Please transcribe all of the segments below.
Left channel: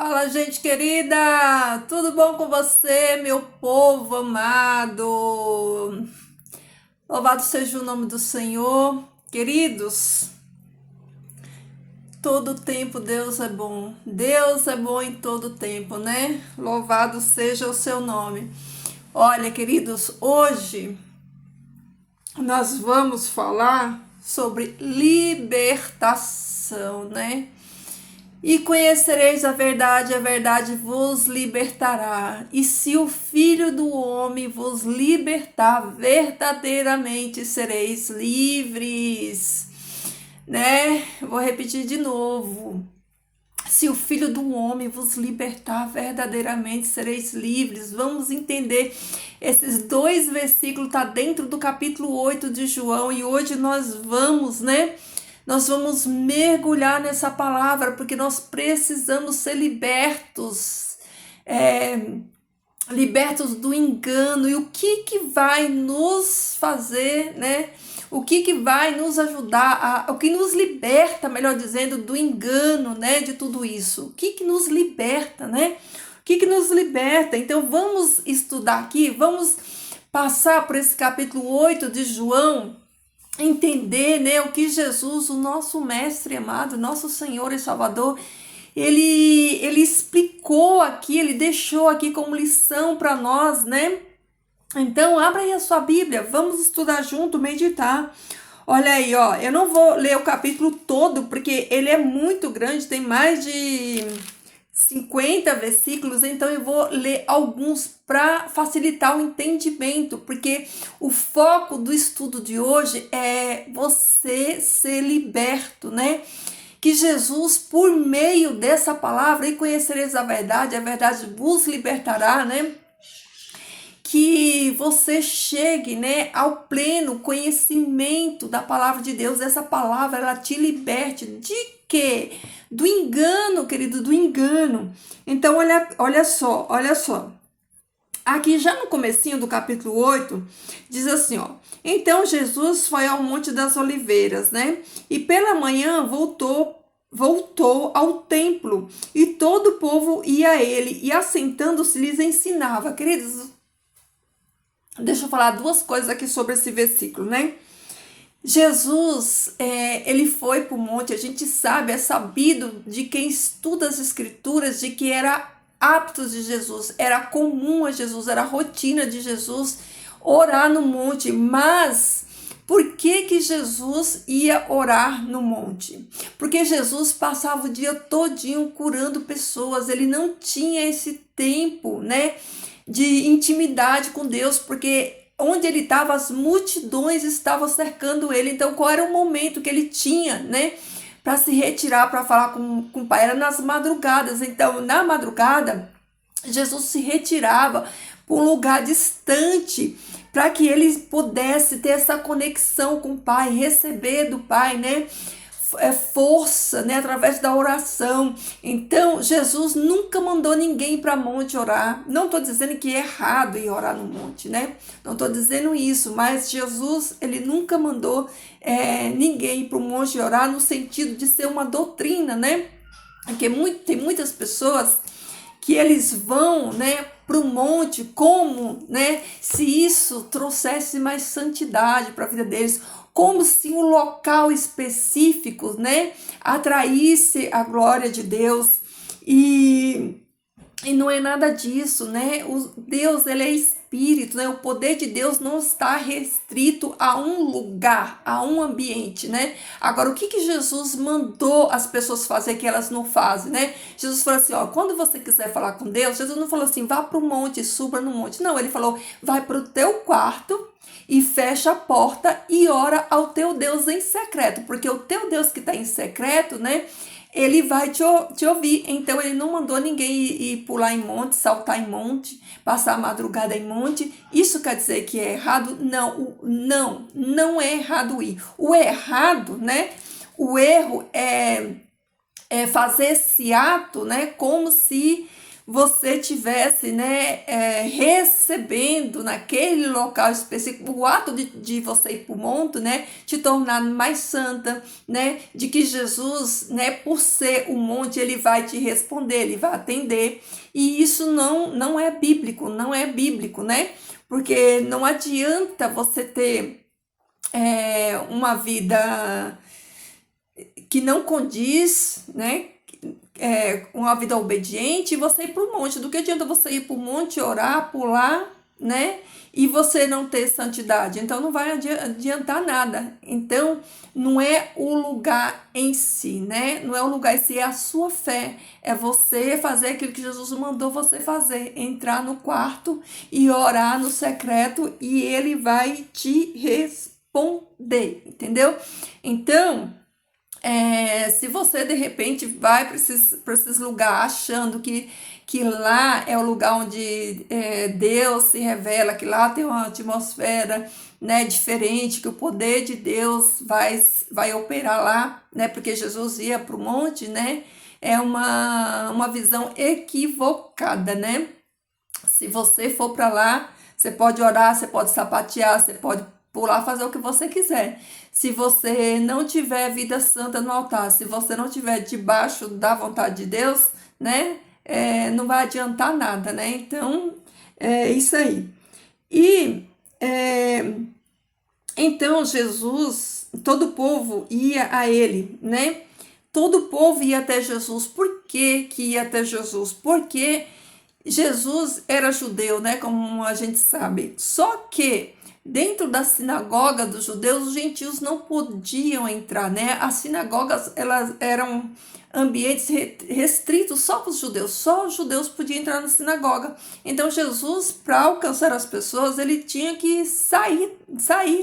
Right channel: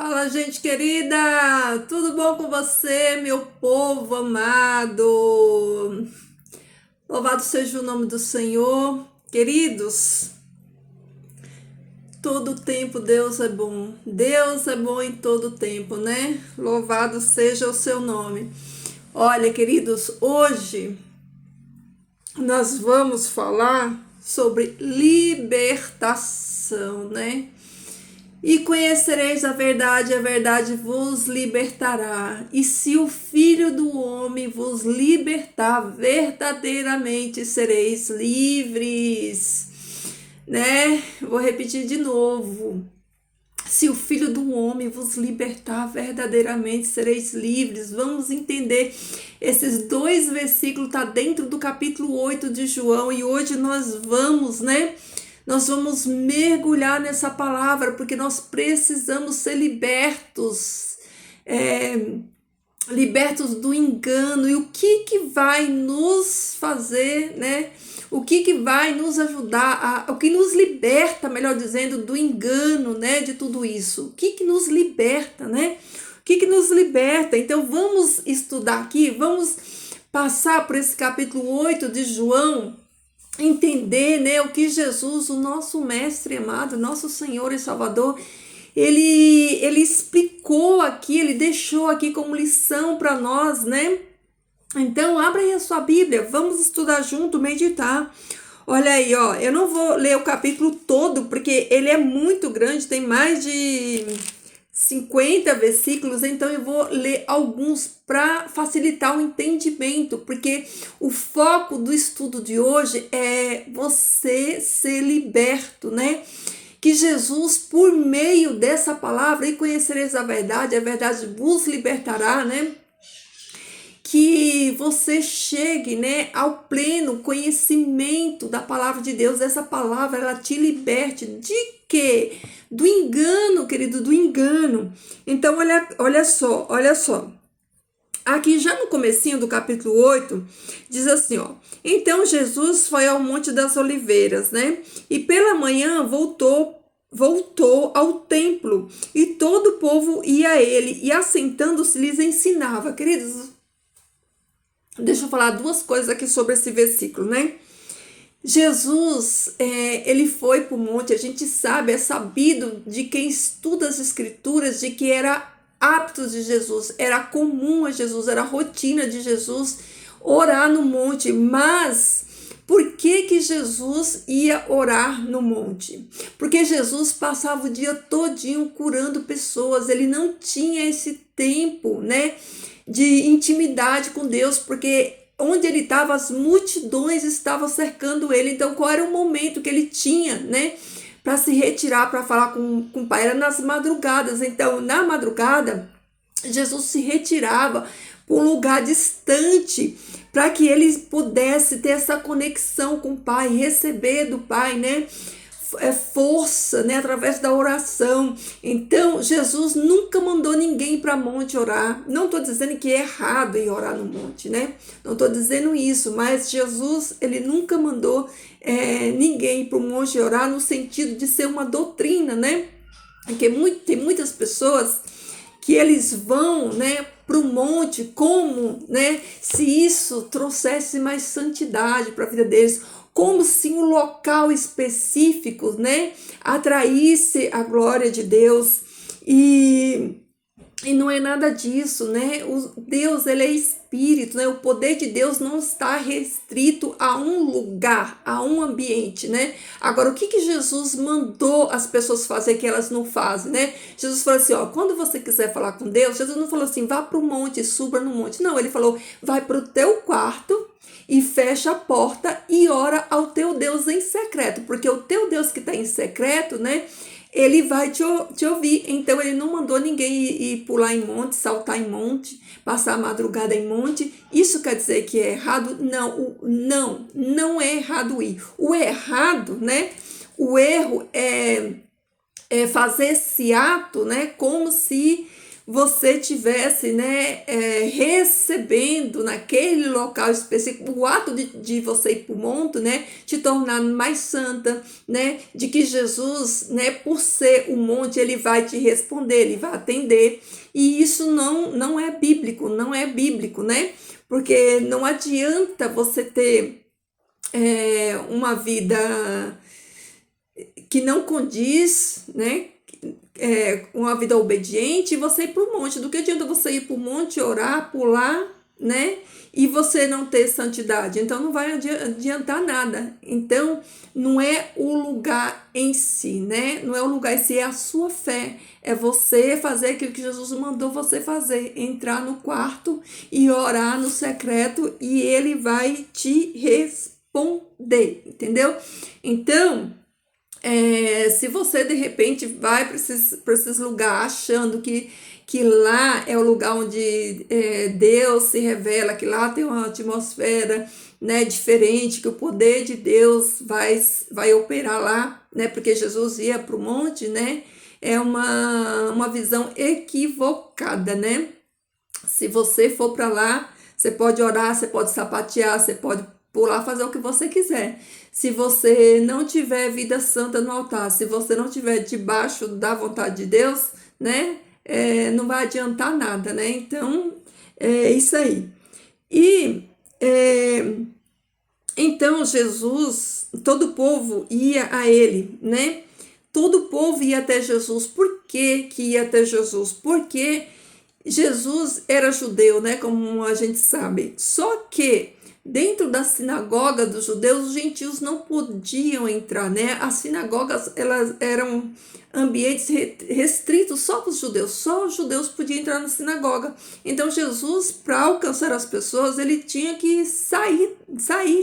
Fala, gente querida! Tudo bom com você, meu povo amado? Louvado seja o nome do Senhor. Queridos, todo tempo Deus é bom. Deus é bom em todo tempo, né? Louvado seja o seu nome. Olha, queridos, hoje nós vamos falar sobre libertação, né? E conhecereis a verdade vos libertará. E se o Filho do Homem vos libertar, verdadeiramente sereis livres. Né? Vou repetir de novo. Se o Filho do Homem vos libertar, verdadeiramente sereis livres. Vamos entender. Esses dois versículos tá dentro do capítulo 8 de João. E hoje nós vamos, né? Nós vamos mergulhar nessa palavra, porque nós precisamos ser libertos, libertos do engano. E o que vai nos fazer, né? O que vai nos ajudar, o que nos liberta, melhor dizendo, do engano, né? De tudo isso. O que nos liberta, né? O que nos liberta? Então vamos estudar aqui, vamos passar por esse capítulo 8 de João, entender, né, o que Jesus, o nosso mestre amado, nosso Senhor e Salvador, ele explicou aqui, ele deixou aqui como lição para nós, né? Então, abra aí a sua Bíblia, vamos estudar junto, meditar. Olha aí, ó, eu não vou ler o capítulo todo, porque ele é muito grande, tem mais de 50 versículos, então eu vou ler alguns para facilitar o entendimento, porque o foco do estudo de hoje é você ser liberto, né? Que Jesus, por meio dessa palavra, e conhecereis a verdade vos libertará, né? Que você chegue, né, ao pleno conhecimento da palavra de Deus. Essa palavra, ela te liberte de quê? Do engano, querido, do engano. Então, olha só. Aqui já no comecinho do capítulo 8, diz assim, ó. Então, Jesus foi ao Monte das Oliveiras, né? E pela manhã voltou ao templo, e todo o povo ia a ele, e assentando-se lhes ensinava. Queridos, deixa eu falar duas coisas aqui sobre esse versículo, né? Jesus, ele foi para o monte, a gente sabe, é sabido de quem estuda as escrituras, de que era hábitos de Jesus, era comum a Jesus, era rotina de Jesus orar no monte. Mas por que Jesus ia orar no monte? Porque Jesus passava o dia todinho curando pessoas, ele não tinha esse tempo, né, de intimidade com Deus, porque onde ele estava, as multidões estavam cercando ele. Então, qual era o momento que ele tinha, né, para se retirar, para falar com o Pai? Era nas madrugadas. Então, na madrugada, Jesus se retirava para um lugar distante, para que ele pudesse ter essa conexão com o Pai, receber do Pai, né, força, né, através da oração. Então, Jesus nunca mandou ninguém para monte orar. Não estou dizendo que é errado ir orar no monte, né? Não estou dizendo isso, mas Jesus, ele nunca mandou ninguém para o monte orar no sentido de ser uma doutrina, né? Porque tem muitas pessoas que eles vão, né, para o monte como, né, se isso trouxesse mais santidade para a vida deles, como se um local específico, né, atraísse a glória de Deus. E não é nada disso, né? Deus, ele é espírito, né? O poder de Deus não está restrito a um lugar, a um ambiente, né? Agora, o que Jesus mandou as pessoas fazer que elas não fazem, né? Jesus falou assim, ó, quando você quiser falar com Deus, Jesus não falou assim, vá para o monte, suba no monte. Não, ele falou, vai para o teu quarto e fecha a porta e ora ao teu Deus em secreto, porque o teu Deus que está em secreto, né, ele vai te ouvir. Então ele não mandou ninguém ir pular em monte, saltar em monte, passar a madrugada em monte. Isso quer dizer que é errado? Não é errado ir. O errado, né, o erro é fazer esse ato, né, como se você tivesse, né, recebendo naquele local específico, o ato de você ir para o monte, né, te tornar mais santa, né, de que Jesus, né, por ser o monte, ele vai te responder, ele vai atender, e isso não é bíblico, não é bíblico, né, porque não adianta você ter uma vida que não condiz, né, uma vida obediente, e você ir para o monte. Do que adianta você ir para o monte, orar, pular, né? E você não ter santidade? Então não vai adiantar nada. Então não é o lugar em si, né? Não é o lugar em si, é a sua fé. É você fazer aquilo que Jesus mandou você fazer. Entrar no quarto e orar no secreto e ele vai te responder, entendeu? Então, se você de repente vai para esses lugares achando que lá é o lugar onde Deus se revela, que lá tem uma atmosfera, né, diferente, que o poder de Deus vai operar lá, né, porque Jesus ia para o monte, né, é uma visão equivocada, né? Se você for para lá, você pode orar, você pode sapatear, você pode pular, fazer o que você quiser. Se você não tiver vida santa no altar, se você não tiver debaixo da vontade de Deus, né, não vai adiantar nada, né? Então, é isso aí. E então Jesus, todo o povo ia a ele, né? Todo o povo ia até Jesus. Por que ia até Jesus? Porque Jesus era judeu, né? Como a gente sabe. Só que dentro da sinagoga dos judeus, os gentios não podiam entrar, né? As sinagogas, elas eram ambientes restritos só para os judeus. Só os judeus podiam entrar na sinagoga. Então Jesus, para alcançar as pessoas, ele tinha que sair,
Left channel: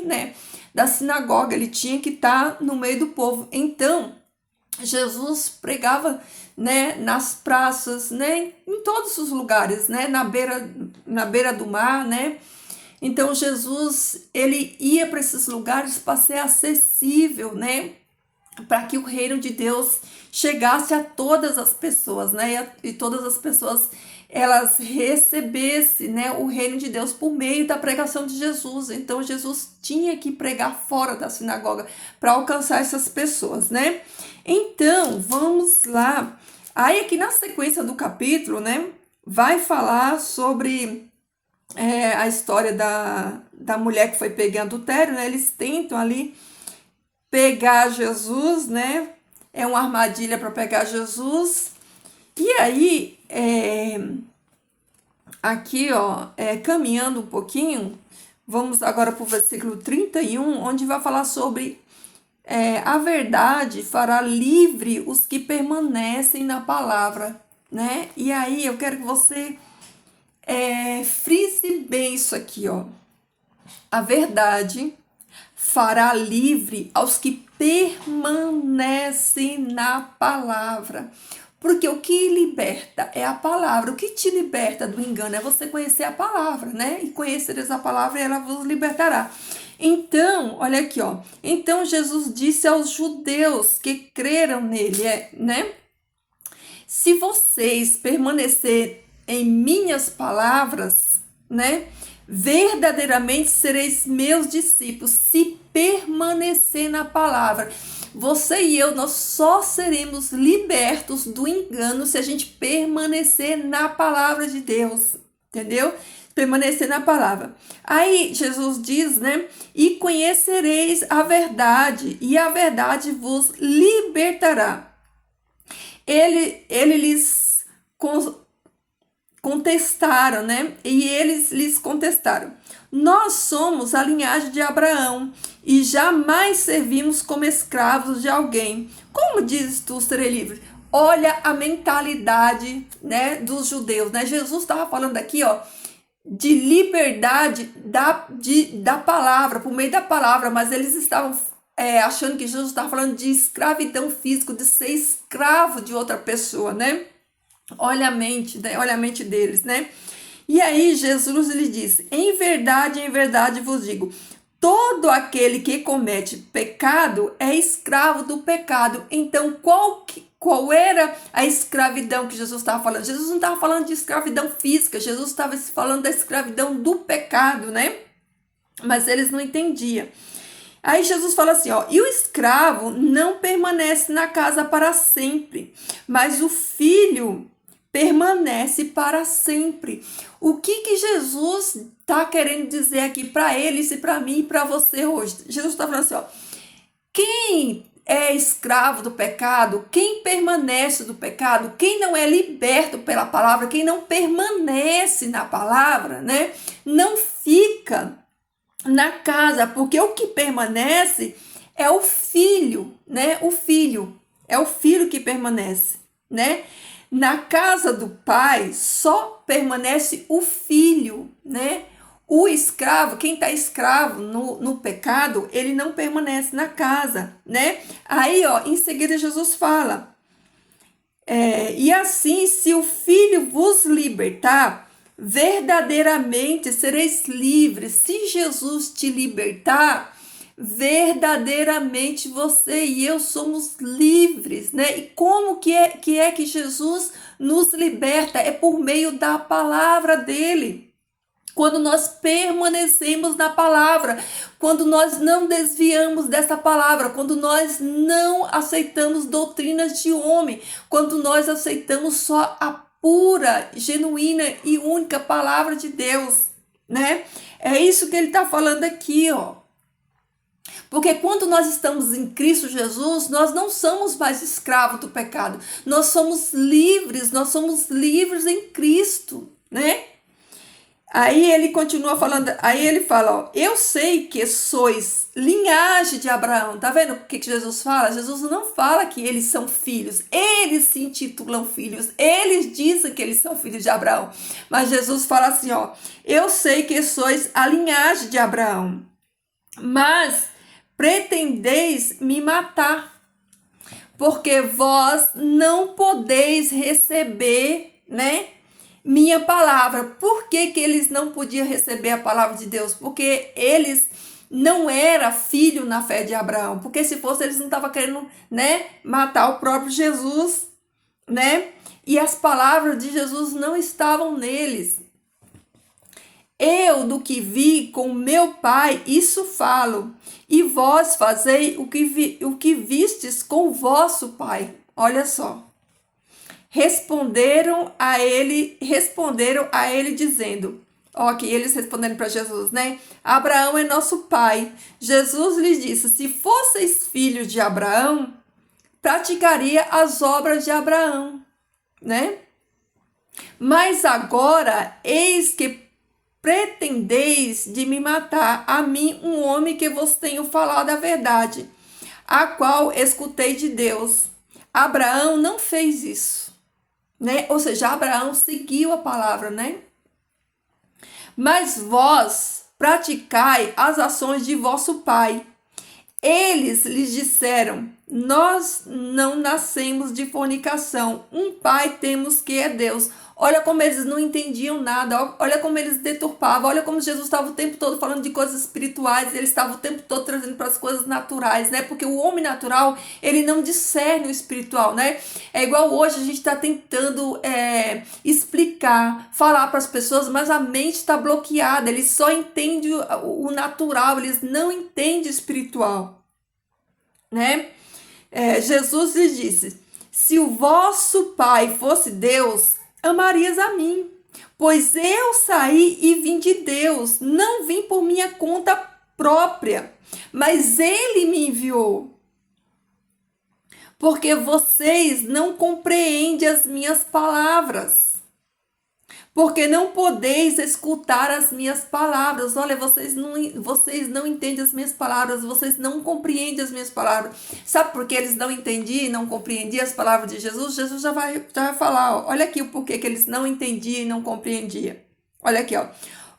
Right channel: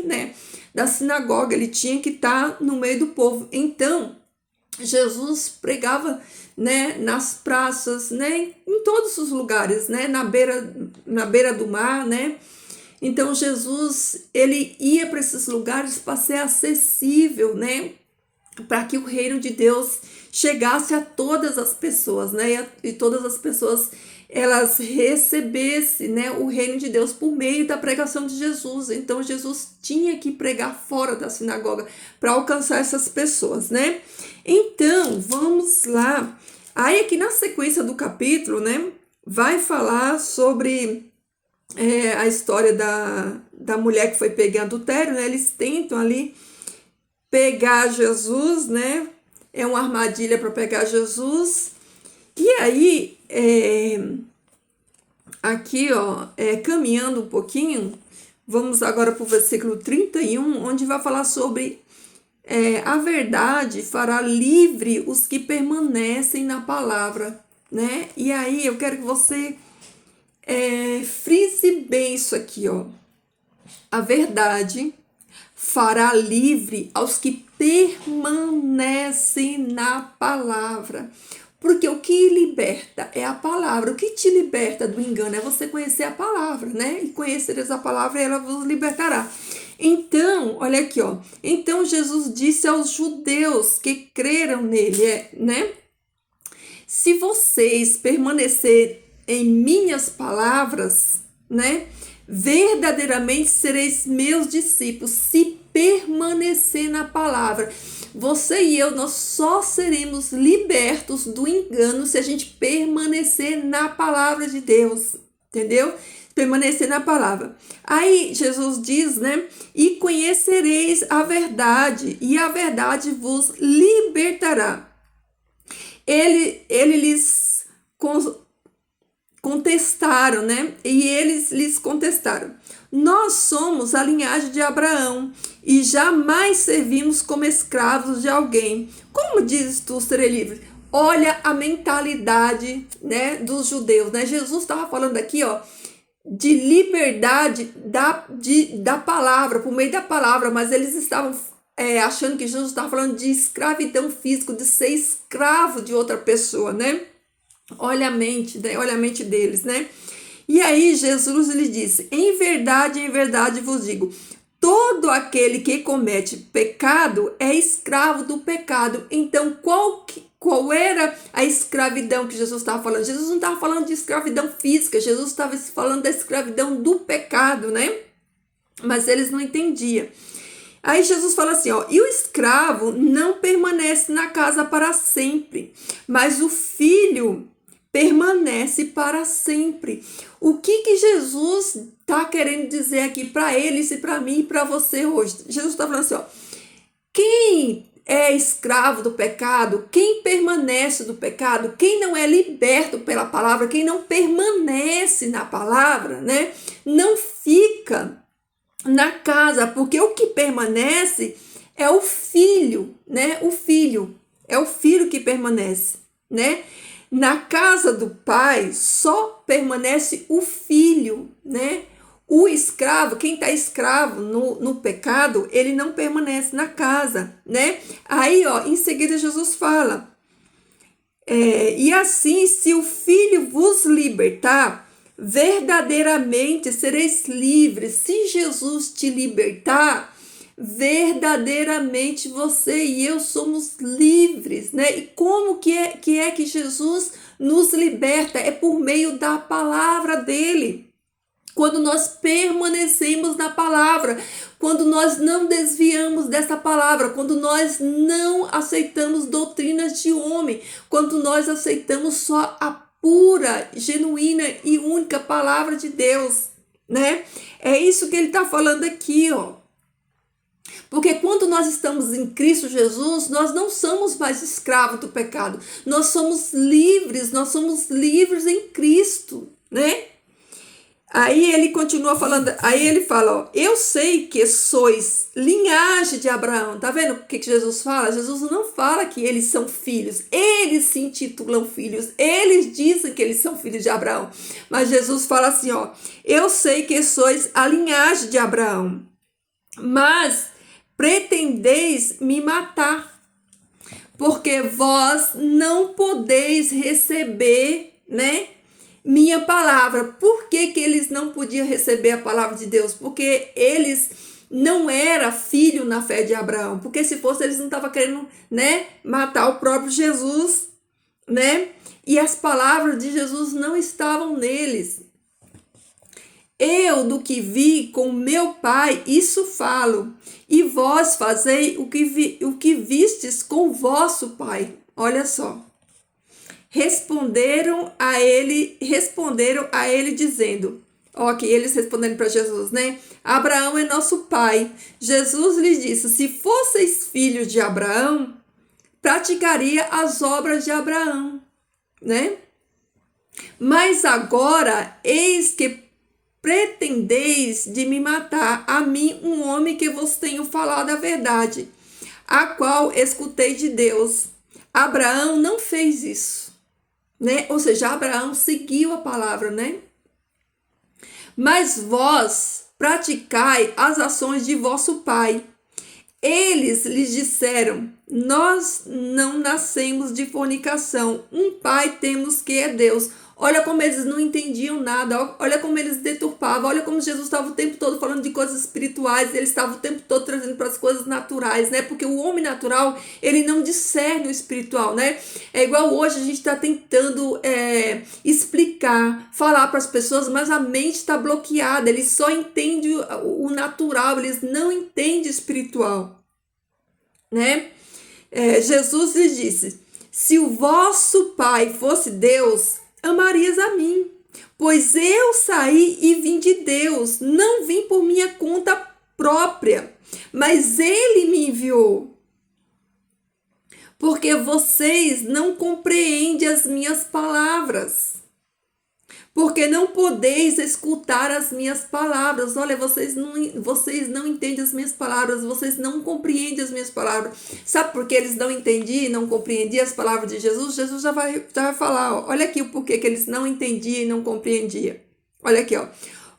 né, da sinagoga. Ele tinha que estar no meio do povo. Então Jesus pregava, né, nas praças, né, em todos os lugares, né, na beira do mar, né. Então Jesus, ele ia para esses lugares para ser acessível, né, para que o reino de Deus chegasse a todas as pessoas, né, e todas as pessoas elas recebessem, né, o reino de Deus por meio da pregação de Jesus. Então Jesus tinha que pregar fora da sinagoga para alcançar essas pessoas, né? Então, vamos lá. Aí aqui na sequência do capítulo, né, vai falar sobre a história da mulher que foi pega em adultério, né? Eles tentam ali pegar Jesus, né? É uma armadilha para pegar Jesus. E aí, aqui, ó, caminhando um pouquinho, vamos agora para o versículo 31, onde vai falar sobre a verdade fará livre os que permanecem na palavra, né? E aí eu quero que você frise bem isso aqui, ó. A verdade fará livre aos que permanecem na palavra. Porque o que liberta é a palavra. O que te liberta do engano é você conhecer a palavra, né? E conhecereis a palavra e ela vos libertará. Então, olha aqui, ó. Então Jesus disse aos judeus que creram nele, né? Se vocês permanecerem em minhas palavras, né? Verdadeiramente sereis meus discípulos, se permanecer na palavra. Você e eu, nós só seremos libertos do engano se a gente permanecer na palavra de Deus, entendeu? Permanecer na palavra. Aí Jesus diz, né? E conhecereis a verdade, e a verdade vos libertará. Ele lhes contestaram, né? E eles lhes contestaram: nós somos a linhagem de Abraão e jamais servimos como escravos de alguém. Como dizes tu, serei livre? Olha a mentalidade, né, dos judeus, né? Jesus estava falando aqui, ó, de liberdade da palavra, por meio da palavra, mas eles estavam achando que Jesus estava falando de escravidão física, de ser escravo de outra pessoa, né? Olha a mente, né? Olha a mente deles, né? E aí Jesus lhe disse: em verdade vos digo, todo aquele que comete pecado é escravo do pecado. Então, Qual era a escravidão que Jesus estava falando? Jesus não estava falando de escravidão física, Jesus estava falando da escravidão do pecado, né? Mas eles não entendiam. Aí Jesus fala assim, ó, e o escravo não permanece na casa para sempre, mas o filho permanece para sempre. O que Jesus está querendo dizer aqui para eles e para mim e para você hoje? Jesus está falando assim, ó, quem é escravo do pecado, quem permanece do pecado, quem não é liberto pela palavra, quem não permanece na palavra, né, não fica na casa, porque o que permanece é o filho, né? O filho, é o filho que permanece, né? Na casa do pai só permanece o filho, né? O escravo, quem está escravo no pecado, ele não permanece na casa, né? Aí, ó, em seguida Jesus fala, e assim, se o filho vos libertar, verdadeiramente sereis livres. Se Jesus te libertar, verdadeiramente você e eu somos livres, né? E como que é que Jesus nos liberta? É por meio da palavra dele. Quando nós permanecemos na palavra, quando nós não desviamos dessa palavra, quando nós não aceitamos doutrinas de homem, quando nós aceitamos só a pura, genuína e única palavra de Deus, né? É isso que ele está falando aqui, ó. Porque quando nós estamos em Cristo Jesus, nós não somos mais escravos do pecado. Nós somos livres em Cristo, né? Aí ele continua falando, aí ele fala, ó, eu sei que sois linhagem de Abraão. Tá vendo o que Jesus fala? Jesus não fala que eles são filhos, eles se intitulam filhos, eles dizem que eles são filhos de Abraão. Mas Jesus fala assim, ó, eu sei que sois a linhagem de Abraão, mas pretendeis me matar, porque vós não podeis receber, né, minha palavra. Por que eles não podiam receber a palavra de Deus? Porque eles não eram filho na fé de Abraão. Porque se fosse, eles não estavam querendo, né, matar o próprio Jesus, né? E as palavras de Jesus não estavam neles. Eu, do que vi com meu pai, isso falo. E vós fazei o que vistes com o vosso pai. Olha só. Responderam a ele dizendo, ok, eles responderam para Jesus, né? Abraão é nosso pai. Jesus lhes disse, se fosseis filhos de Abraão, praticaria as obras de Abraão, né? Mas agora, eis que pretendeis de me matar, a mim, um homem que vos tenho falado a verdade, a qual escutei de Deus. Abraão não fez isso, né? Ou seja, Abraão seguiu a palavra, né? Mas vós praticai as ações de vosso pai. Eles lhes disseram, nós não nascemos de fornicação, um pai temos que é Deus. Olha como eles não entendiam nada, olha como eles deturpavam, olha como Jesus estava o tempo todo falando de coisas espirituais, ele estava o tempo todo trazendo para as coisas naturais, né? Porque o homem natural, ele não discerne o espiritual, né? É igual hoje a gente está tentando explicar, falar para as pessoas, mas a mente está bloqueada, eles só entendem o natural, eles não entendem o espiritual, né? Jesus lhes disse, se o vosso pai fosse Deus, amarias a mim, pois eu saí e vim de Deus, não vim por minha conta própria, mas ele me enviou. Porque vocês não compreendem as minhas palavras, porque não podeis escutar as minhas palavras. Olha, vocês não entendem as minhas palavras, vocês não compreendem as minhas palavras. Sabe por que eles não entendiam e não compreendiam as palavras de Jesus? Jesus já vai falar, ó. Olha aqui o porquê que eles não entendiam e não compreendiam. Olha aqui, ó.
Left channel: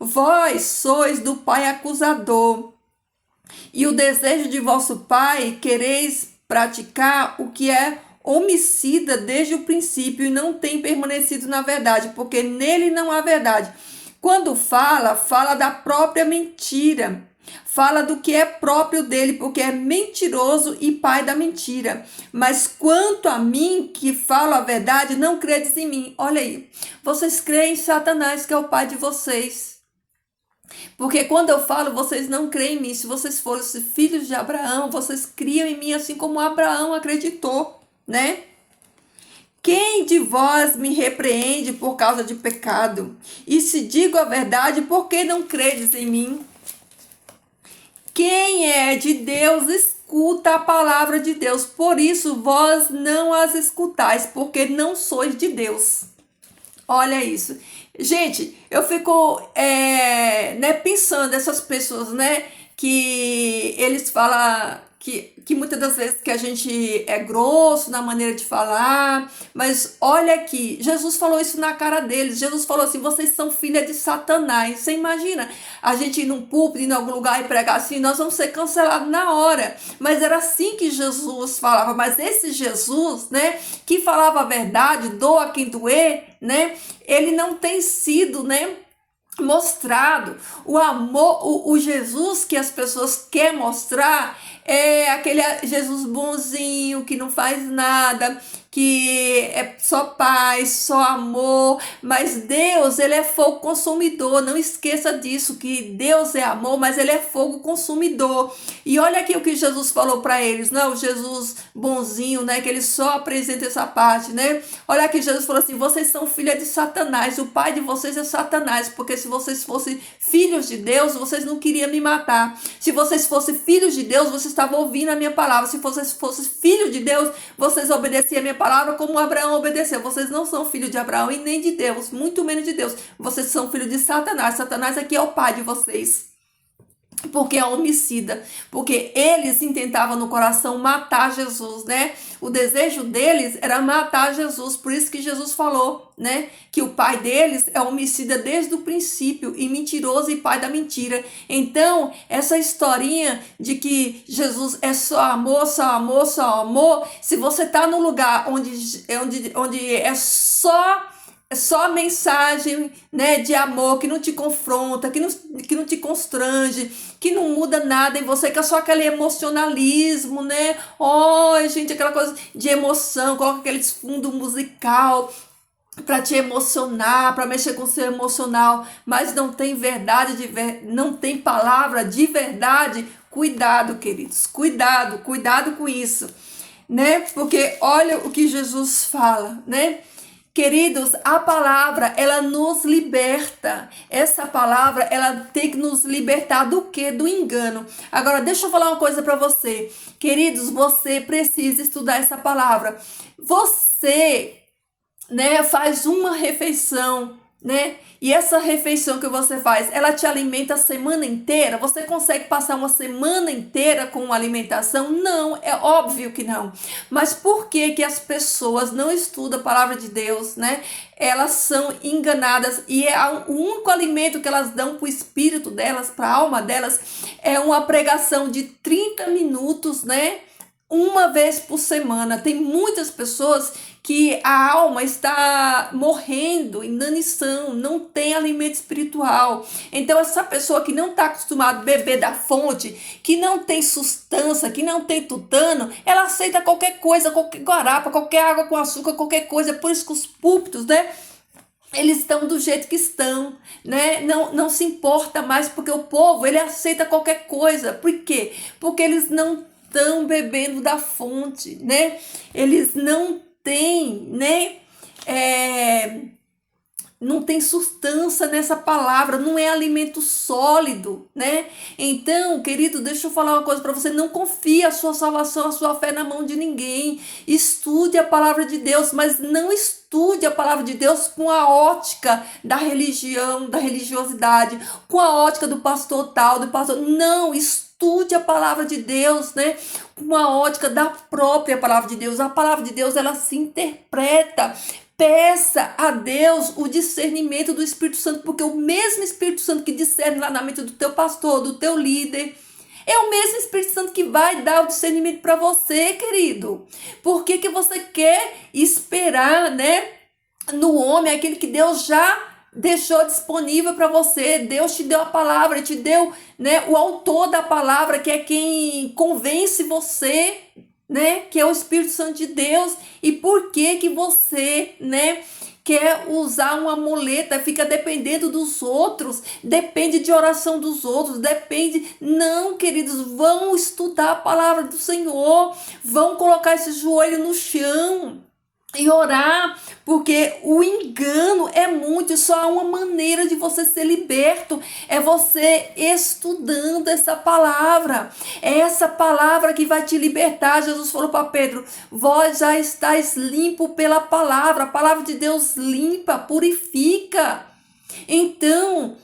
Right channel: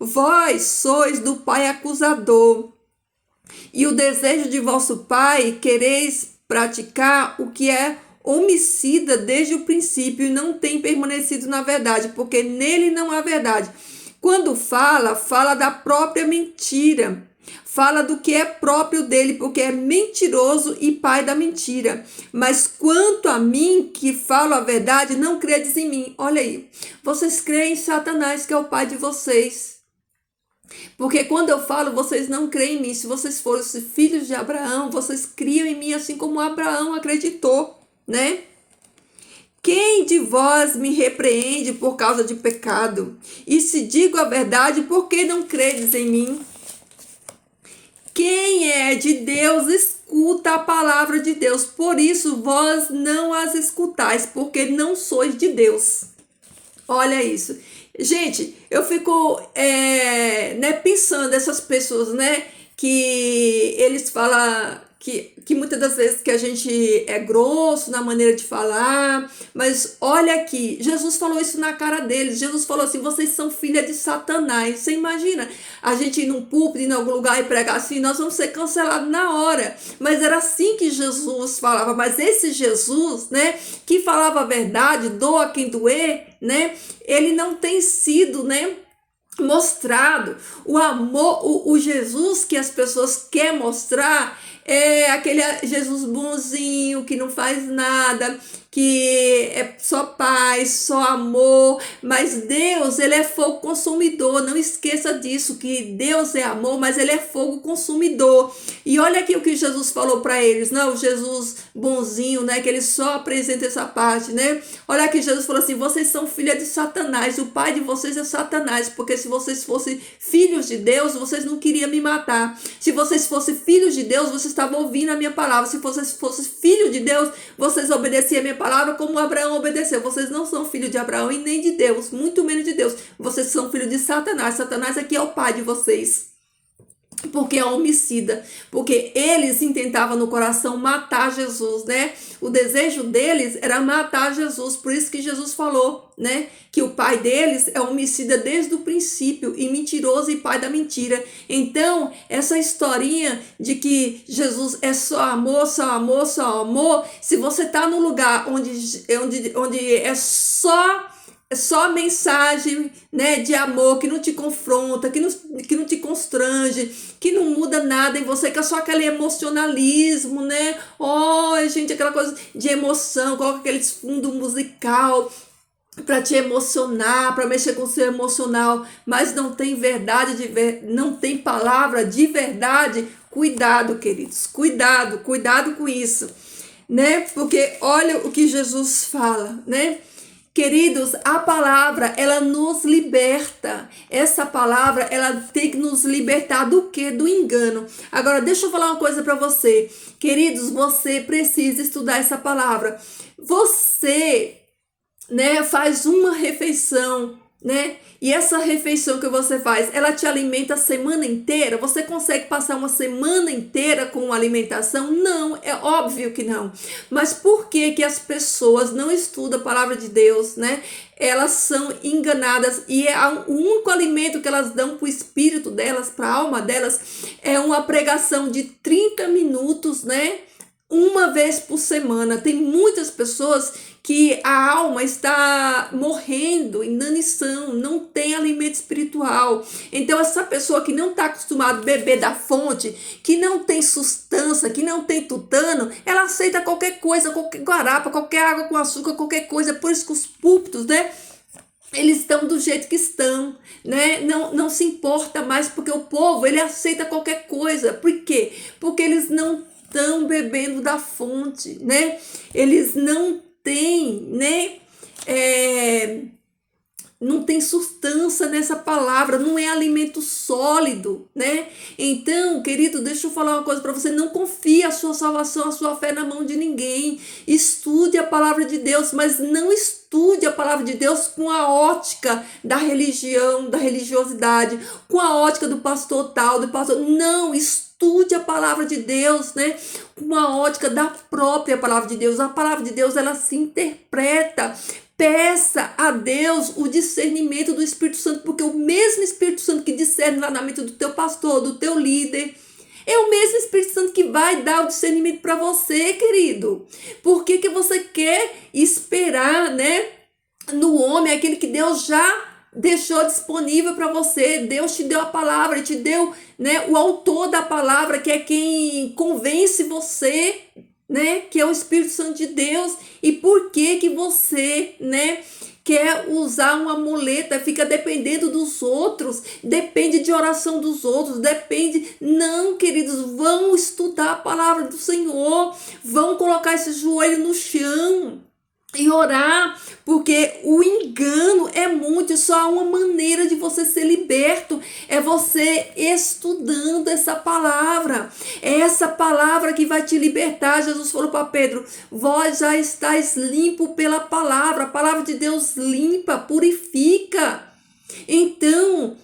Vós sois do pai acusador, e o desejo de vosso pai quereis praticar o que é homicida desde o princípio e não tem permanecido na verdade, porque nele não há verdade. Quando fala da própria mentira, Fala do que é próprio dele, porque é mentiroso e pai da mentira. Mas quanto a mim, que falo a verdade, não credes em mim. Olha aí, vocês creem em Satanás, que é o pai de vocês. Porque quando eu falo, vocês não creem em mim. Se vocês fossem filhos de Abraão, vocês criam em mim assim como Abraão acreditou, né? Quem de vós me repreende por causa de pecado? E se digo a verdade, por que não credes em mim? Quem é de Deus escuta a palavra de Deus. Por isso vós não as escutais, porque não sois de Deus. Olha isso. Gente, eu fico pensando essas pessoas, né? Que eles falam que muitas das vezes que a gente é grosso na maneira de falar, mas olha aqui, Jesus falou isso na cara deles. Jesus falou assim: vocês são filha de Satanás. Você imagina a gente ir num púlpito, em algum lugar e pregar assim, nós vamos ser cancelados na hora. Mas era assim que Jesus falava. Mas esse Jesus, né, que falava a verdade, doa quem doer, né, ele não tem sido, né, mostrado. O amor, o Jesus que as pessoas querem mostrar é aquele Jesus bonzinho, que não faz nada, que é só paz, só amor. Mas Deus, ele é fogo consumidor. Não esqueça disso, que Deus é amor, mas ele é fogo consumidor. E olha aqui o que Jesus falou para eles, não, o Jesus bonzinho, né, que ele só apresenta essa parte, né? Olha aqui, Jesus falou assim: vocês são filha de Satanás, o pai de vocês é Satanás, porque se vocês fossem filhos de Deus, vocês não queriam me matar. Se vocês fossem filhos de Deus, vocês estavam ouvindo a minha palavra. Se vocês fossem filhos de Deus, vocês obedeciam a minha palavra como Abraão obedeceu. Vocês não são filhos de Abraão e nem de Deus, muito menos de Deus. Vocês são filhos de Satanás. Satanás aqui é o pai de vocês, porque é homicida, porque eles intentavam no coração matar Jesus, né? O desejo deles era matar Jesus, por isso que Jesus falou, né, que o pai deles é homicida desde o princípio e mentiroso e pai da mentira. Então, essa historinha de que Jesus é só amor, só amor, só amor, se você tá num lugar onde é só mensagem, né, de amor, que não te confronta, que não te constrange, que não muda nada em você, que é só aquele emocionalismo, né? Gente, aquela coisa de emoção, coloca aqueles fundo musical para te emocionar, para mexer com o seu emocional, mas não tem verdade, não tem palavra de verdade. Cuidado, queridos, cuidado com isso, né? Porque olha o que Jesus fala, né? Queridos, a palavra, ela nos liberta. Essa palavra, ela tem que nos libertar do quê? Do engano. Agora, deixa eu falar uma coisa para você. Queridos, você precisa estudar essa palavra. Você, né, faz uma refeição, né? E essa refeição que você faz, ela te alimenta a semana inteira? Você consegue passar uma semana inteira com alimentação? Não, é óbvio que não. Mas por que que as pessoas não estudam a palavra de Deus, né? Elas são enganadas e o único alimento que elas dão para o espírito delas, para a alma delas, é uma pregação de 30 minutos, né? Uma vez por semana. Tem muitas pessoas que a alma está morrendo, inanição, não tem alimento espiritual. Então, essa pessoa que não está acostumada a beber da fonte, que não tem sustância, que não tem tutano, ela aceita qualquer coisa, qualquer guarapa, qualquer água com açúcar, qualquer coisa. Por isso que os púlpitos, né, eles estão do jeito que estão, né? Não se importa mais, porque o povo, ele aceita qualquer coisa. Por quê? Porque eles não estão bebendo da fonte, né? Eles não têm, né? Não tem sustância nessa palavra, não é alimento sólido, né? Então, querido, deixa eu falar uma coisa para você: não confie a sua salvação, a sua fé na mão de ninguém. Estude a palavra de Deus, mas não estude a palavra de Deus com a ótica da religião, da religiosidade, com a ótica do pastor tal, do pastor. Não, estude a palavra de Deus, né? Com a ótica da própria palavra de Deus. A palavra de Deus, ela se interpreta. Peça a Deus o discernimento do Espírito Santo, porque o mesmo Espírito Santo que discerne lá na mente do teu pastor, do teu líder, é o mesmo Espírito Santo que vai dar o discernimento para você, querido. Por que que você quer esperar, né, no homem, aquele que Deus já deixou disponível para você. Deus te deu a palavra, te deu, né, o autor da palavra, que é quem convence você, né, que é o Espírito Santo de Deus. E por que que você, né, quer usar uma muleta, fica dependendo dos outros, depende de oração dos outros, depende. Não, queridos, vão estudar a palavra do Senhor, vão colocar esse joelho no chão e orar, porque o engano é muito, e só há uma maneira de você ser liberto, é você estudando essa palavra. É essa palavra que vai te libertar. Jesus falou para Pedro: vós já estáis limpo pela palavra. A palavra de Deus limpa, purifica. Então,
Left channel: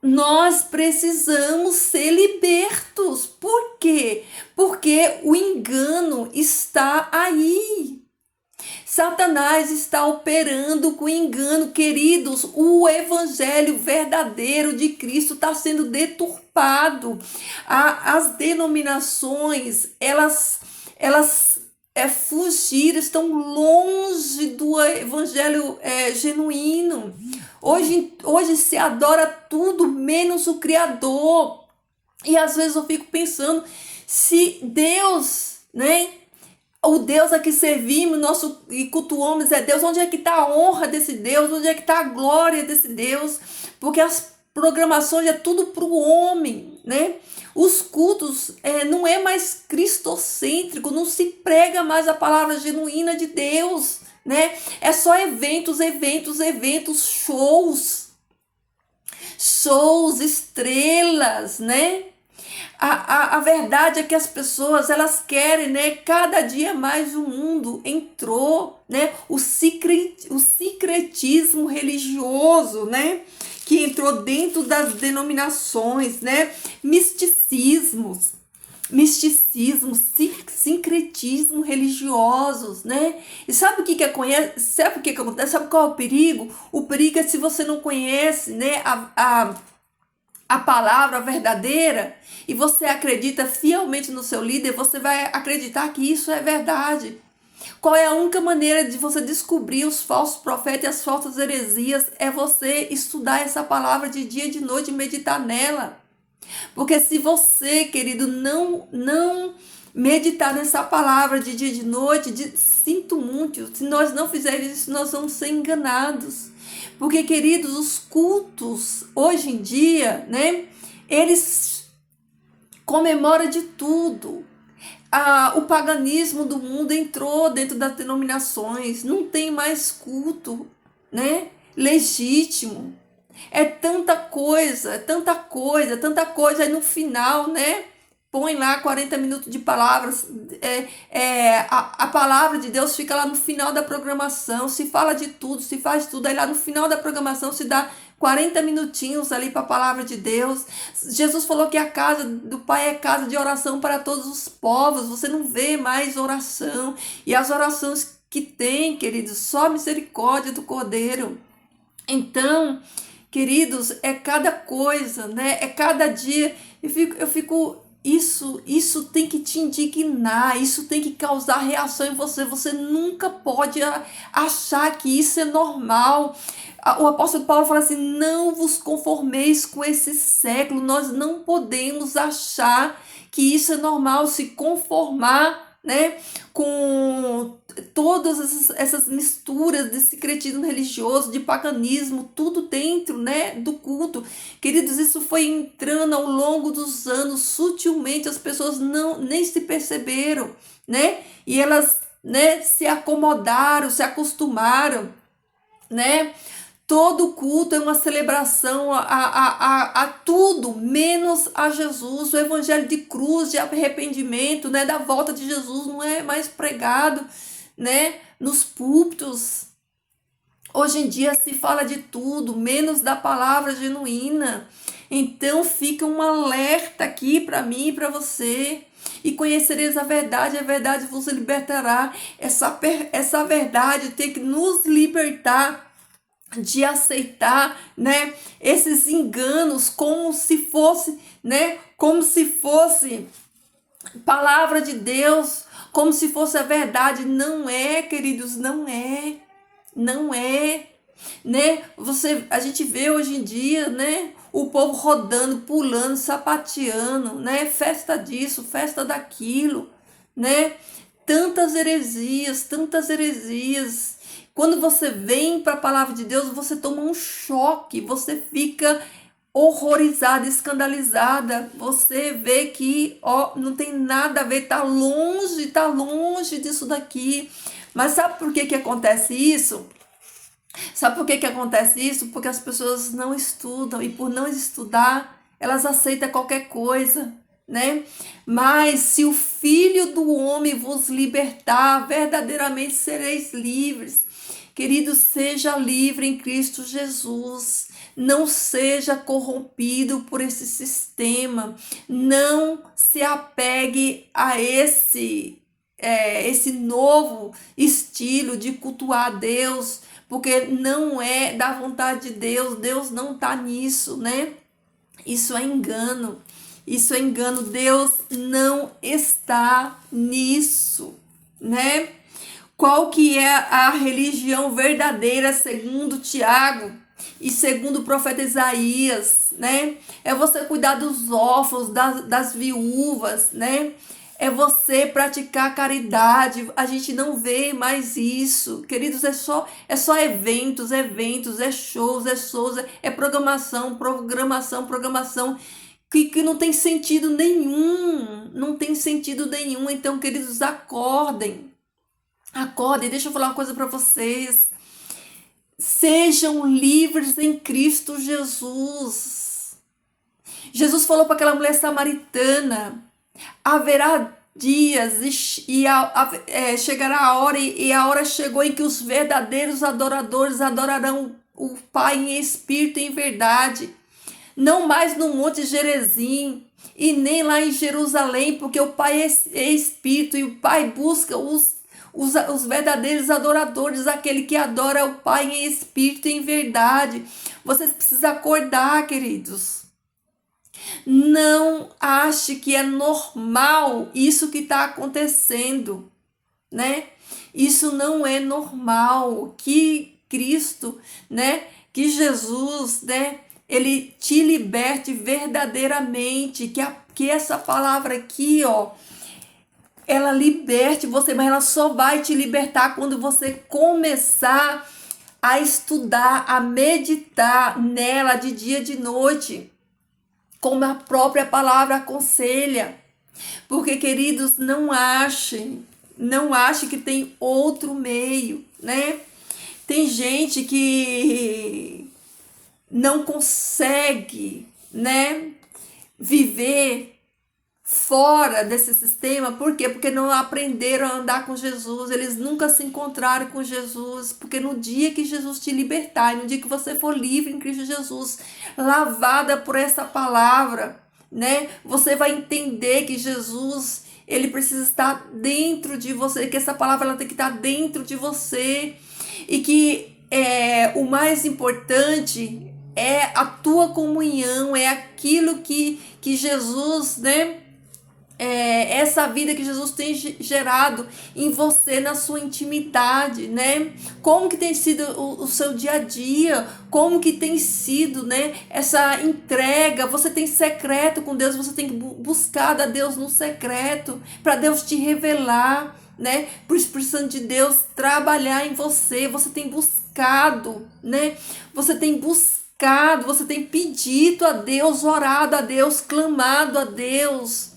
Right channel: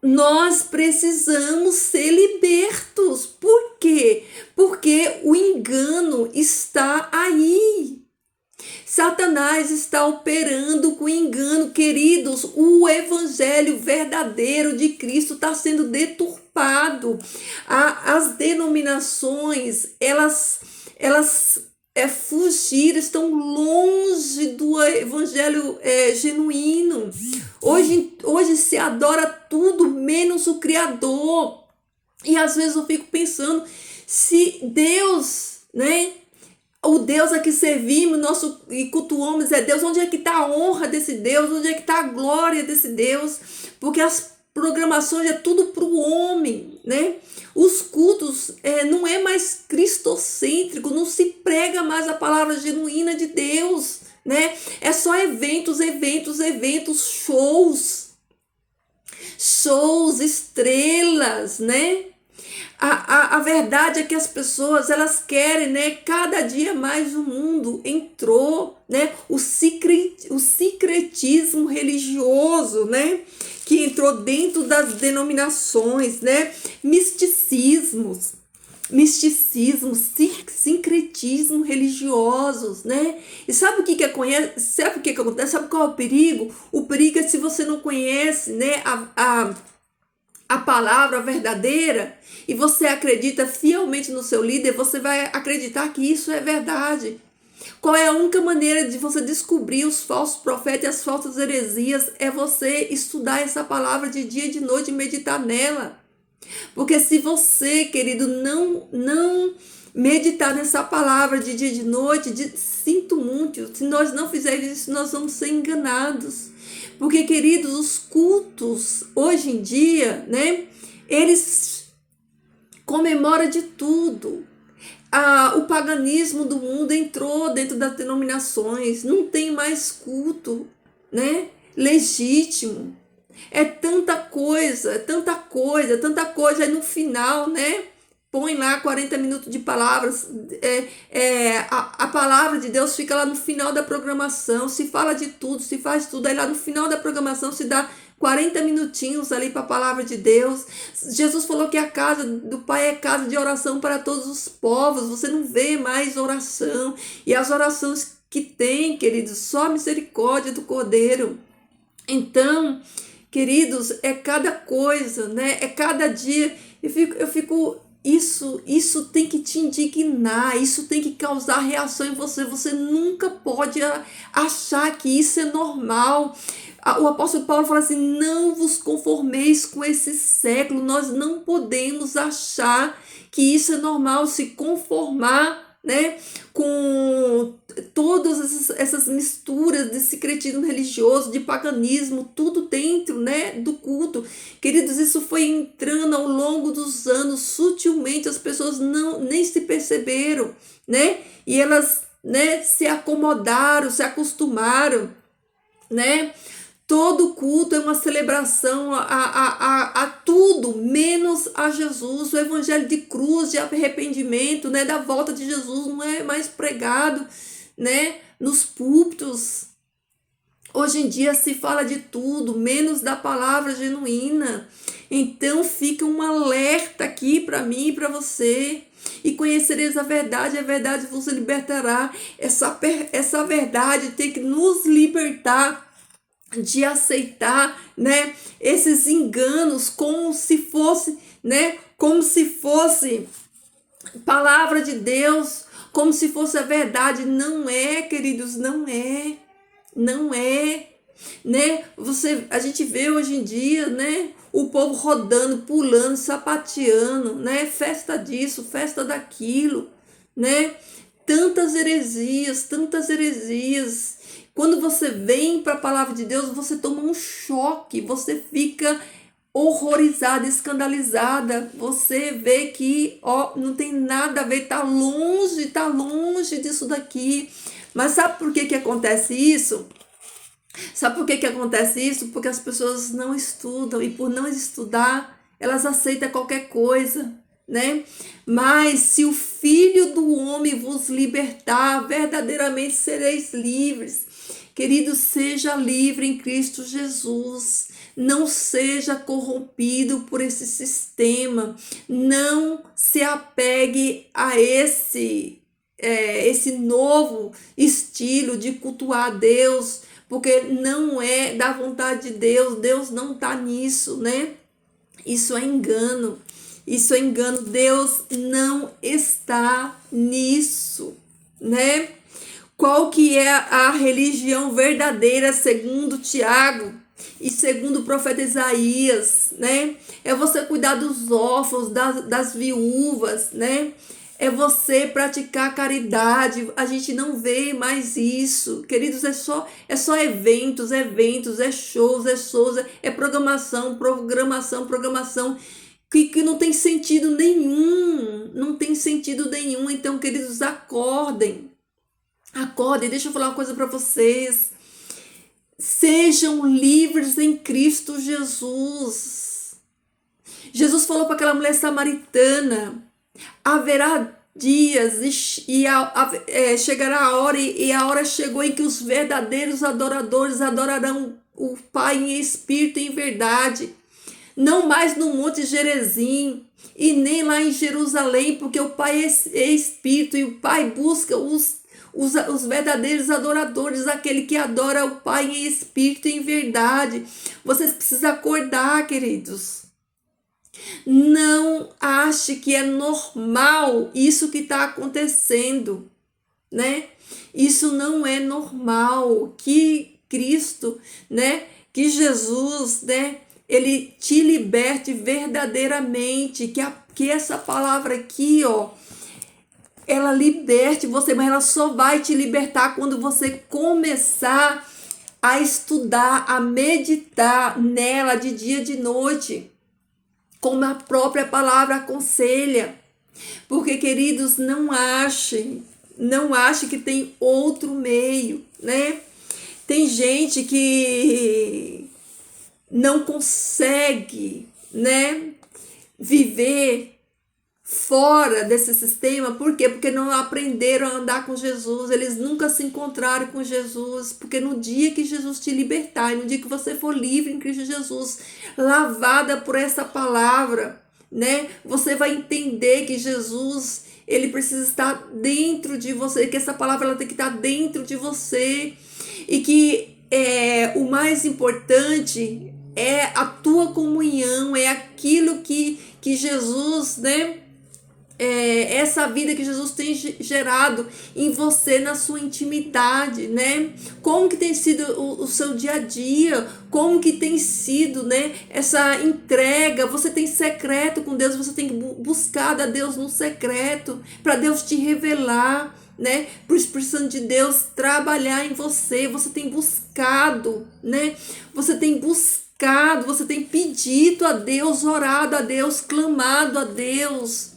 nós precisamos ser libertos. Por quê? Porque o engano está aí. Satanás está operando com engano, queridos. O evangelho verdadeiro de Cristo está sendo deturpado. As denominações, elas fugiram, estão longe do evangelho genuíno. Hoje se adora tudo menos o Criador. E às vezes eu fico pensando, se Deus, né? O Deus a que servimos e cultuamos é Deus. Onde é que está a honra desse Deus? Onde é que está a glória desse Deus? Porque as programações é tudo para o homem, né? Os cultos não é mais cristocêntrico, não se prega mais a palavra genuína de Deus, né? É só eventos, shows, estrelas, né? A verdade é que as pessoas, elas querem, né? Cada dia mais o mundo entrou, né? O secretismo religioso, né? Que entrou dentro das denominações, né? Misticismo, sincretismo religiosos, né? E sabe o que acontece? Sabe o que acontece? Sabe qual é o perigo? O perigo é se você não conhece, né? A palavra verdadeira, e você acredita fielmente no seu líder, você vai acreditar que isso é verdade. Qual é a única maneira de você descobrir os falsos profetas e as falsas heresias? É você estudar essa palavra de dia e de noite e meditar nela. Porque se você, querido, não meditar nessa palavra de dia e de noite, sinto muito, se nós não fizermos isso, nós vamos ser enganados. Porque, queridos, os cultos, hoje em dia, né, eles comemoram de tudo. O paganismo do mundo entrou dentro das denominações, não tem mais culto, né, legítimo. É tanta coisa, aí no final, né, põe lá 40 minutos de palavras, a palavra de Deus fica lá no final da programação, se fala de tudo, se faz tudo, aí lá no final da programação se dá 40 minutinhos ali para a palavra de Deus. Jesus falou que a casa do Pai é casa de oração para todos os povos, você não vê mais oração, e as orações que tem, queridos, só a misericórdia do Cordeiro. Então, queridos, é cada coisa, né? É cada dia. Eu fico isso tem que te indignar, isso tem que causar reação em você. Você nunca pode achar que isso é normal. O apóstolo Paulo fala assim: não vos conformeis com esse século. Nós não podemos achar que isso é normal, se conformar, né, com todas essas misturas de secretismo religioso, de paganismo, tudo dentro, né, do culto. Queridos, isso foi entrando ao longo dos anos, sutilmente, as pessoas nem se perceberam, né, e elas, né, se acomodaram, se acostumaram, né. Todo culto é uma celebração a tudo, menos a Jesus. O evangelho de cruz, de arrependimento, né, da volta de Jesus não é mais pregado, né, nos púlpitos. Hoje em dia se fala de tudo, menos da palavra genuína. Então fica um alerta aqui para mim e para você. E conhecereis a verdade vos libertará. Essa verdade tem que nos libertar de aceitar, né, esses enganos como se fosse, né, como se fosse palavra de Deus, como se fosse a verdade. Não é, queridos, não é. né? A gente vê hoje em dia, né? O povo rodando, pulando, sapateando, né? Festa disso, festa daquilo, né? Tantas heresias, tantas heresias. Quando você vem para a palavra de Deus, você toma um choque, você fica horrorizada, escandalizada. Você vê que, ó, não tem nada a ver, tá longe disso daqui. Mas sabe por que acontece isso? Sabe por que acontece isso? Porque as pessoas não estudam e por não estudar, elas aceitam qualquer coisa, né? Mas se o Filho do Homem vos libertar, verdadeiramente sereis livres. Querido, seja livre em Cristo Jesus. Não seja corrompido por esse sistema. Não se apegue a esse novo estilo de cultuar Deus, porque não é da vontade de Deus. Deus não está nisso, né? Isso é engano. Isso é engano. Deus não está nisso, né? Qual que é a religião verdadeira segundo Tiago e segundo o profeta Isaías, né? É você cuidar dos órfãos, das viúvas, né? É você praticar caridade. A gente não vê mais isso. Queridos, é só eventos, é shows, é programação, que não tem sentido nenhum. Não tem sentido nenhum. Então, queridos, acordem. Acordem, deixa eu falar uma coisa para vocês. Sejam livres em Cristo Jesus. Jesus falou para aquela mulher samaritana: haverá dias e chegará a hora, e a hora chegou em que os verdadeiros adoradores adorarão o Pai em espírito e em verdade, não mais no Monte Gerizim e nem lá em Jerusalém, porque o Pai é espírito e o Pai busca os verdadeiros adoradores, aquele que adora o Pai em espírito e em verdade. Vocês precisam acordar, queridos. Não ache que é normal isso que está acontecendo, né? Isso não é normal. Que Cristo, né? Que Jesus, né? Ele te liberte verdadeiramente. Que essa palavra aqui, ó, ela liberte você, mas ela só vai te libertar quando você começar a estudar, a meditar nela de dia e de noite, como a própria palavra aconselha. Porque, queridos, não achem que tem outro meio, né? Tem gente que não consegue, né, viver fora desse sistema. Por quê? Porque não aprenderam a andar com Jesus, eles nunca se encontraram com Jesus. Porque no dia que Jesus te libertar, no dia que você for livre em Cristo Jesus, lavada por essa palavra, né, você vai entender que Jesus, ele precisa estar dentro de você, que essa palavra ela tem que estar dentro de você, e que o mais importante é a tua comunhão, é aquilo que Jesus, né, essa vida que Jesus tem gerado em você, na sua intimidade, né? Como que tem sido o seu dia a dia? Como que tem sido, né, essa entrega? Você tem secreto com Deus, você tem buscado a Deus no secreto, para Deus te revelar, né? Por Espírito Santo de Deus trabalhar em você. Você tem buscado, né? Você tem buscado, você tem pedido a Deus, orado a Deus, clamado a Deus.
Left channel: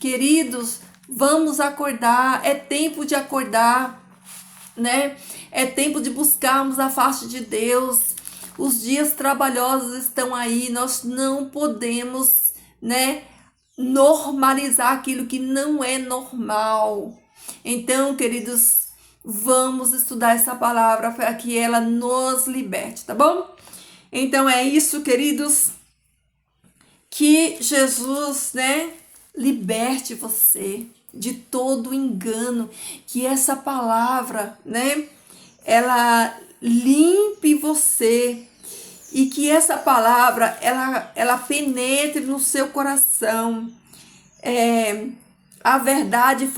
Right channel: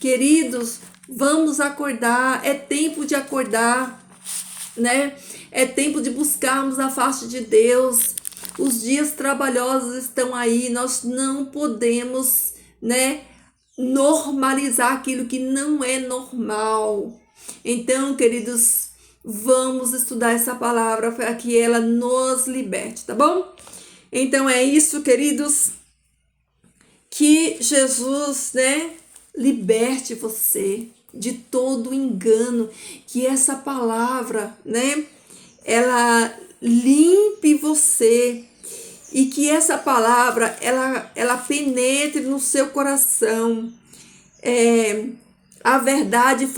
Queridos, vamos acordar, é tempo de acordar, né? É tempo de buscarmos a face de Deus. Os dias trabalhosos estão aí, nós não podemos, né, normalizar aquilo que não é normal. Então, queridos, vamos estudar essa palavra para que ela nos liberte, tá bom? Então é isso, queridos, que Jesus, né, liberte você de todo engano, que essa palavra, né, ela limpe você, e que essa palavra, ela penetre no seu coração. A verdade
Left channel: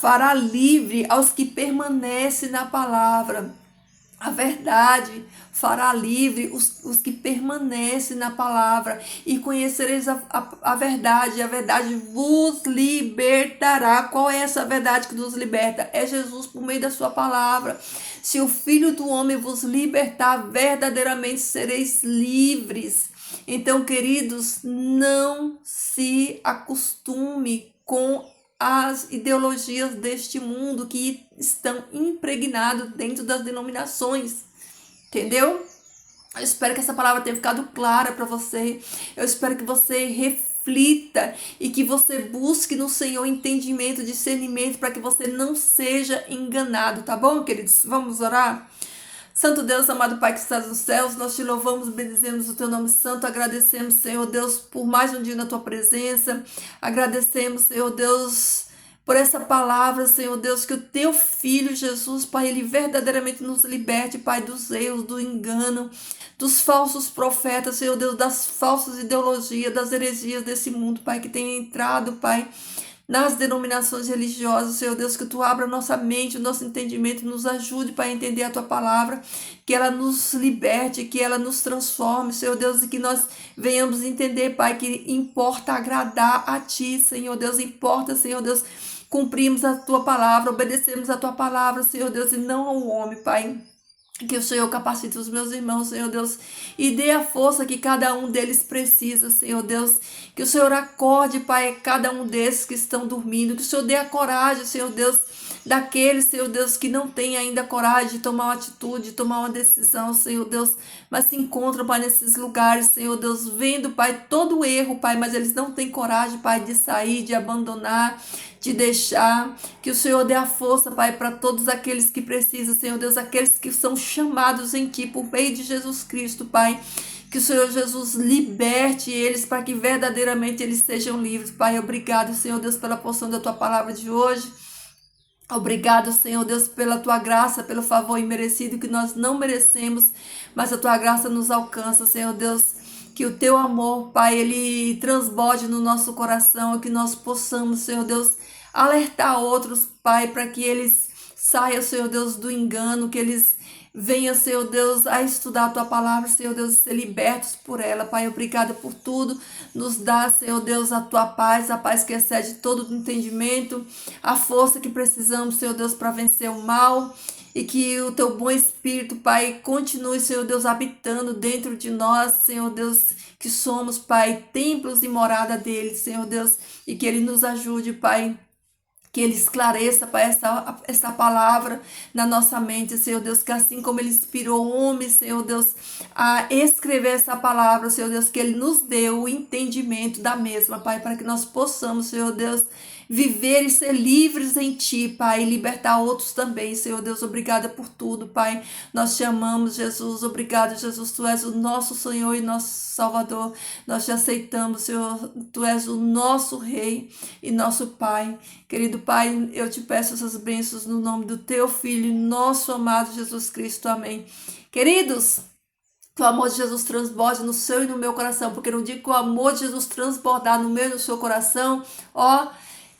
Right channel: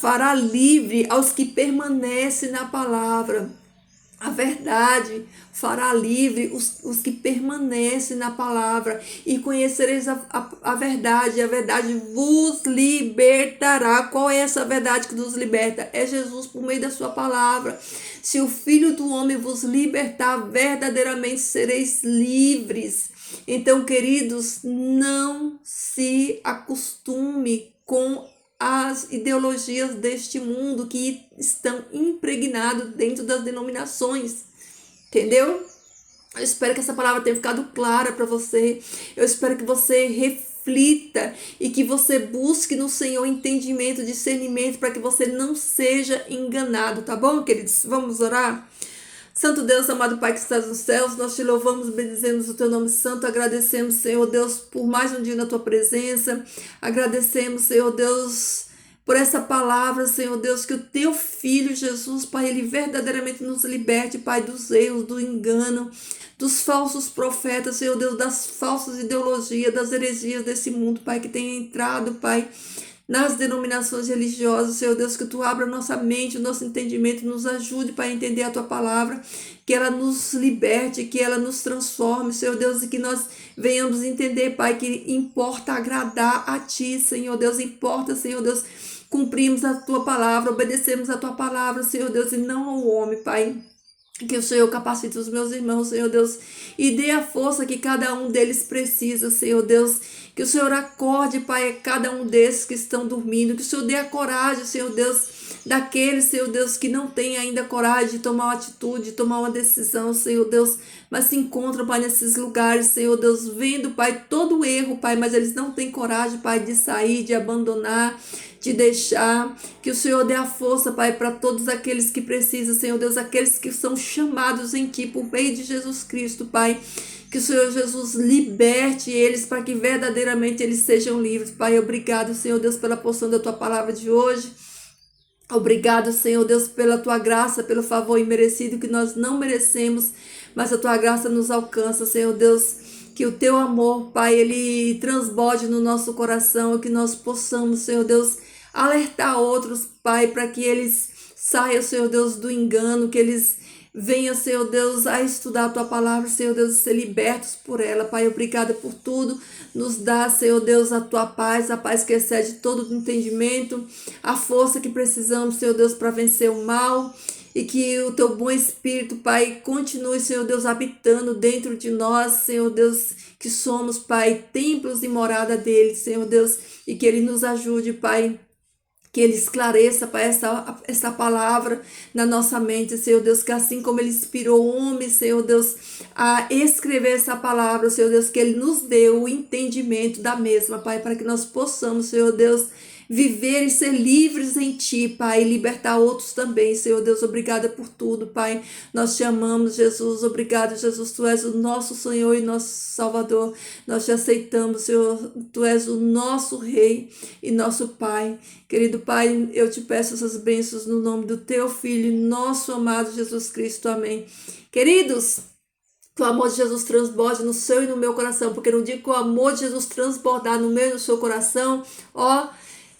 fará livre aos que permanecem na palavra. A verdade fará livre os que permanecem na palavra, e conhecereis a verdade, e a verdade vos libertará. Qual é essa verdade que nos liberta? É Jesus por meio da sua palavra. Se o Filho do Homem vos libertar, verdadeiramente sereis livres. Então, queridos, não se acostume com as ideologias deste mundo que estão impregnados dentro das denominações, entendeu? Eu espero que essa palavra tenha ficado clara para você. Eu espero que você reflita e que você busque no Senhor entendimento, discernimento, para que você não seja enganado, tá bom, queridos? Vamos orar? Santo Deus, amado Pai que estás nos céus, nós te louvamos, bendizemos o teu nome santo, agradecemos, Senhor Deus, por mais um dia na tua presença, agradecemos, Senhor Deus, por essa palavra, Senhor Deus, que o teu Filho Jesus, Pai, ele verdadeiramente nos liberte, Pai, dos erros, do engano, dos falsos profetas, Senhor Deus, das falsas ideologias, das heresias desse mundo, Pai, que tem entrado, Pai, nas denominações religiosas, Senhor Deus, que tu abra nossa mente, o nosso entendimento, nos ajude para entender a tua palavra, que ela nos liberte, que ela nos transforme, Senhor Deus, e que nós venhamos entender, Pai, que importa agradar a ti, Senhor Deus, importa, Senhor Deus, cumprirmos a tua palavra, obedecemos a tua palavra, Senhor Deus, e não ao homem, Pai. Que o Senhor capacite os meus irmãos, Senhor Deus, e dê a força que cada um deles precisa, Senhor Deus. Que o Senhor acorde, Pai, cada um desses que estão dormindo. Que o Senhor dê a coragem, Senhor Deus, daqueles, Senhor Deus, que não tem ainda coragem de tomar uma atitude, de tomar uma decisão, Senhor Deus, mas se encontram, Pai, nesses lugares, Senhor Deus, vendo, Pai, todo o erro, Pai, mas eles não têm coragem, Pai, de sair, de abandonar, de deixar. Que o Senhor dê a força, Pai, para todos aqueles que precisam, Senhor Deus, aqueles que são chamados em Ti, por meio de Jesus Cristo, Pai. Que o Senhor Jesus liberte eles para que verdadeiramente eles sejam livres. Pai, obrigado, Senhor Deus, pela porção da Tua palavra de hoje. Obrigado, Senhor Deus, pela Tua graça, pelo favor imerecido que nós não merecemos, mas a Tua graça nos alcança, Senhor Deus. Que o Teu amor, Pai, ele transborde no nosso coração, que nós possamos, Senhor Deus, alertar outros, Pai, para que eles saiam, Senhor Deus, do engano, que eles venham, Senhor Deus, a estudar a Tua palavra, Senhor Deus, e ser libertos por ela. Pai, obrigada por tudo. Nos dá, Senhor Deus, a Tua paz, a paz que excede todo o entendimento, a força que precisamos, Senhor Deus, para vencer o mal. E que o Teu bom Espírito, Pai, continue, Senhor Deus, habitando dentro de nós, Senhor Deus, que somos, Pai, templos e morada dele, Senhor Deus, e que Ele nos ajude, Pai, que Ele esclareça, Pai, essa palavra na nossa mente, Senhor Deus, que assim como Ele inspirou o homem, Senhor Deus, a escrever essa palavra, Senhor Deus, que Ele nos deu o entendimento da mesma, Pai, para que nós possamos, Senhor Deus, viver e ser livres em Ti, Pai, e libertar outros também, Senhor Deus. Obrigada por tudo, Pai. Nós te amamos, Jesus. Obrigado, Jesus. Tu és o nosso Senhor e nosso Salvador. Nós te aceitamos, Senhor. Tu és o nosso Rei e nosso Pai. Querido Pai, eu te peço essas bênçãos no nome do Teu Filho, nosso amado Jesus Cristo. Amém. Queridos, que o amor de Jesus transborde no seu e no meu coração, porque no dia que o amor de Jesus transbordar no meu e no seu coração, ó,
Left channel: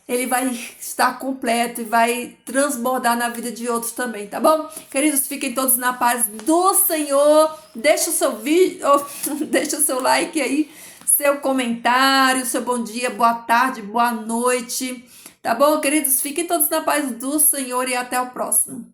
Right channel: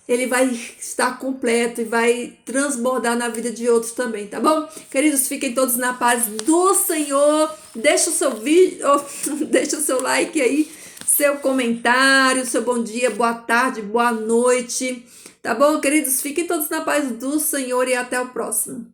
ele vai estar completo e vai transbordar na vida de outros também, tá bom? Queridos, fiquem todos na paz do Senhor. Deixa o seu vídeo, deixa o seu like aí, seu comentário, seu bom dia, boa tarde, boa noite, tá bom, queridos? Fiquem todos na paz do Senhor e até o próximo.